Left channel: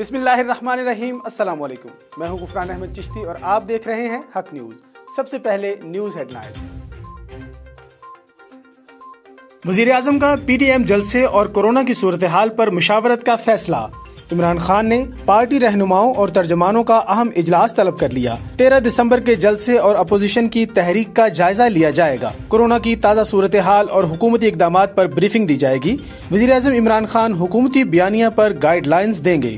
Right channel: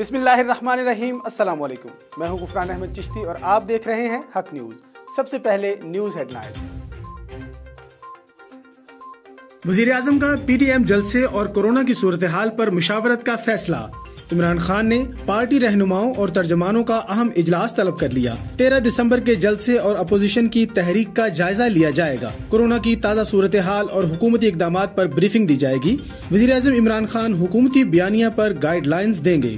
بسم اللہ الرحمن الرحیم۔ السلام علیکم، میں ہوں غفران احمد چشتی اور آپ دیکھ رہے ہیں حق نیوز۔ سب سے پہلے نیوز ہیڈ لائنز۔ وزیر اعظم کا پی ڈی ایم جلسے اور کورونا کی صورتحال پر مشاورت کا فیصلہ۔ عمران خان نے پارٹی رہنماؤں اور ترجمانوں کا اہم اجلاس طلب کر لیا۔ 13 دسمبر کے جلسے اور اپوزیشن کی تحریک کا جائزہ لیا جائے گا۔ کورونا کی تازہ صورتحال اور حکومتی اقدامات پر بریفنگ دی جائے گی۔ وزیر اعظم عمران خان حکومتی بیانیہ پر گائیڈ لائنز دیں گے۔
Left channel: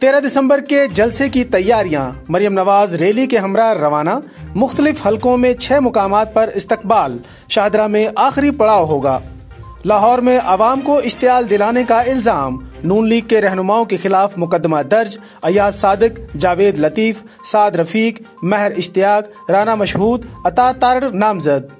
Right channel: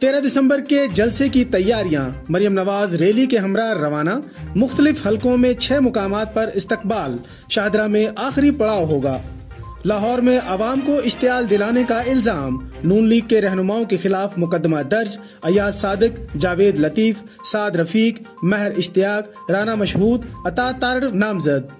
13 دسمبر کے جلسے کی تیاریاں۔ مریم نواز ریلی کے ہمراہ روانہ۔ مختلف حلقوں میں 6 مقامات پر استقبال۔ شاہدرہ میں آخری پڑاؤ ہوگا۔ لاہور میں عوام کو اشتعال دلانے کا الزام۔ نون لیگ کے رہنماؤں کے خلاف مقدمہ درج۔ ایاز صادق، جاوید لطیف، سعد رفیق، مہر اشتیاق، رانا مشہود، عطا طارق نامزد۔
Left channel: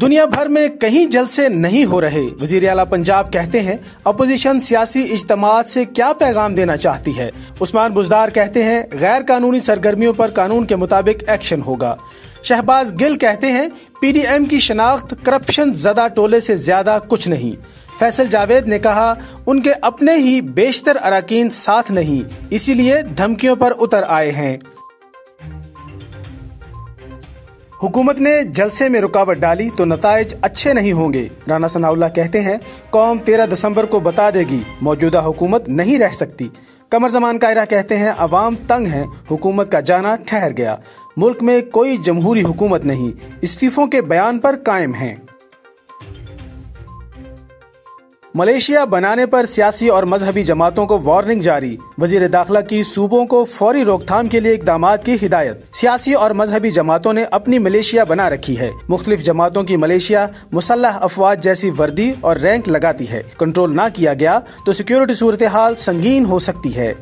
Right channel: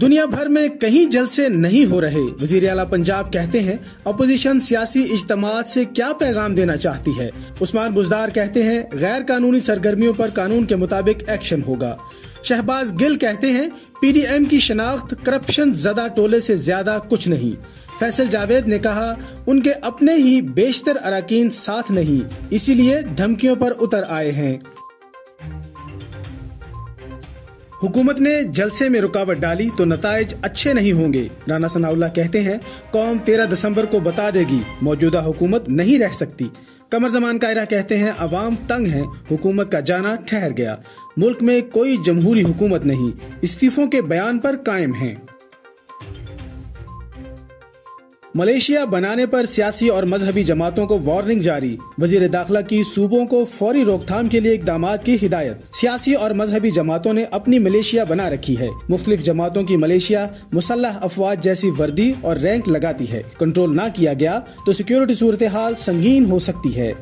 دنیا بھر میں کہیں جلسے نہیں ہو رہے۔ وزیر اعلیٰ پنجاب کہتے ہیں اپوزیشن سیاسی اجتماعات سے کیا پیغام دینا چاہتی ہے۔ عثمان بزدار کہتے ہیں غیر قانونی سرگرمیوں پر قانون کے مطابق ایکشن ہوگا۔ شہباز گل کہتے ہیں پی ڈی ایم کی شناخت کرپشن زدہ ٹولے سے زیادہ کچھ نہیں۔ فیصل جاوید نے کہا ان کے اپنے ہی بیشتر اراکین ساتھ نہیں، اسی لیے دھمکیوں پر اتر آئے ہیں۔ حکومت نے جلسے میں رکاوٹ ڈالی تو نتائج اچھے نہیں ہوں گے۔ رانا ثناء اللہ کہتے ہیں قوم 13 دسمبر کو بتا دے گی موجودہ حکومت نہیں رہ سکتی۔ قمر زمان قائرہ کہتے ہیں عوام تنگ ہیں، حکومت کا جانا ٹھہر گیا۔ ملک میں کوئی جمہوری حکومت نہیں، استعفوں کے بیان پر قائم ہیں۔ ملیشیا بنانے پر سیاسی اور مذہبی جماعتوں کو وارننگ جاری۔ وزیر داخلہ کی صوبوں کو فوری روک تھام کے لیے اقدامات کی ہدایت۔ سیاسی اور مذہبی جماعتوں نے اپنی ملیشیا بنا رکھی ہے۔ مختلف جماعتوں کی ملیشیا مسلح افواج جیسی وردی اور رینک لگاتی ہے۔ کنٹرول نہ کیا گیا تو سیکیورٹی صورتحال سنگین ہو سکتی ہے۔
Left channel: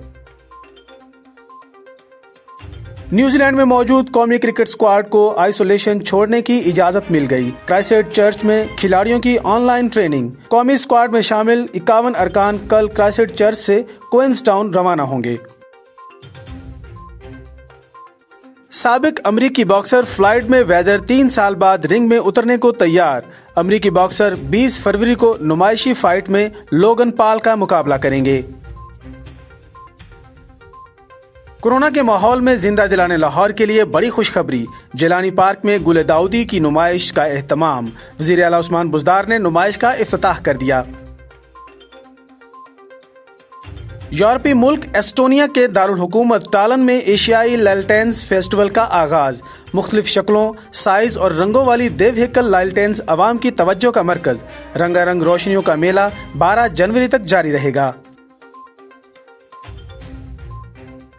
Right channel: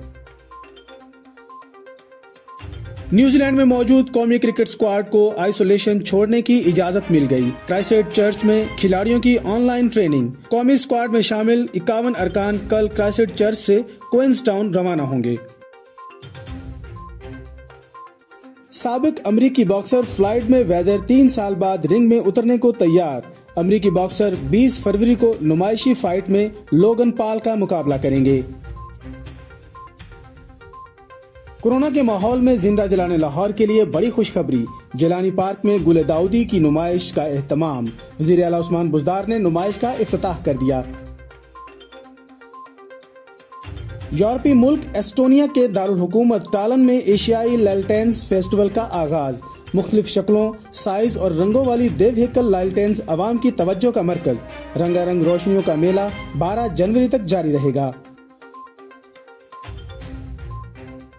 نیوزی لینڈ میں موجود قومی کرکٹ اسکواڈ کو آئسولیشن چھوڑنے کی اجازت مل گئی۔ کرائسٹ چرچ میں کھلاڑیوں کی آن لائن ٹریننگ۔ قومی اسکواڈ میں شامل 51 ارکان کل کرائسٹ چرچ سے کوئنز ٹاؤن روانہ ہوں گے۔ سابق امریکی باکسر فلائیڈ میں ویدر 3 سال بعد رنگ میں اترنے کو تیار۔ امریکی باکسر 20 فروری کو نمائشی فائٹ میں لوگن پال کا مقابلہ کریں گے۔ کورونا کے ماحول میں زندہ دلانے لاہور کے لیے بڑی خوشخبری۔ جیلانی پارک میں گل داؤدی کی نمائش کا اہتمام۔ وزیر اعلیٰ عثمان بزدار نے نمائش کا افتتاح کر دیا۔ یورپی ملک ایسٹونیا کے دارالحکومت ٹالن میں ایشیائی لالٹینز فیسٹیول کا آغاز۔ مختلف شکلوں، سائز اور رنگوں والی دیوہیکل لالٹینز عوام کی توجہ کا مرکز۔ رنگا رنگ روشنیوں کا میلہ 12 جنوری تک جاری رہے گا۔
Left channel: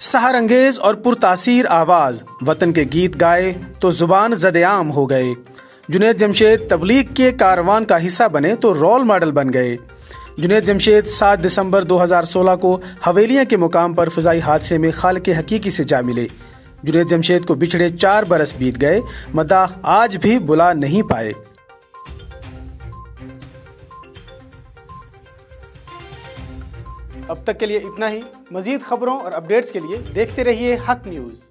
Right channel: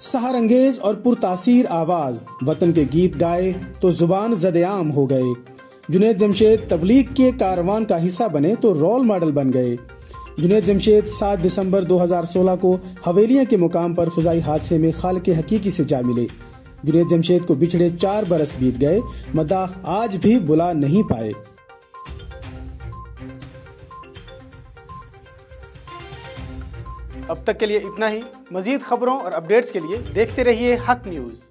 سحر انگیز اور پرتاثیر آواز، وطن کے گیت گائے تو زبان زد عام ہو گئے۔ جنید جمشید تبلیغ کے کاروان کا حصہ بنے تو رول ماڈل بن گئے۔ جنید جمشید 7 دسمبر 2016 کو حویلیاں کے مقام پر فضائی حادثے میں خالق حقیقی سے جا ملے۔ جنید جمشید کو بچھڑے 4 برس بیت گئے، مداح آج بھی بلا نہیں پائے۔ اب تک کے لیے اتنا ہی۔ مزید خبروں اور اپڈیٹس کے لیے دیکھتے رہیے حق نیوز۔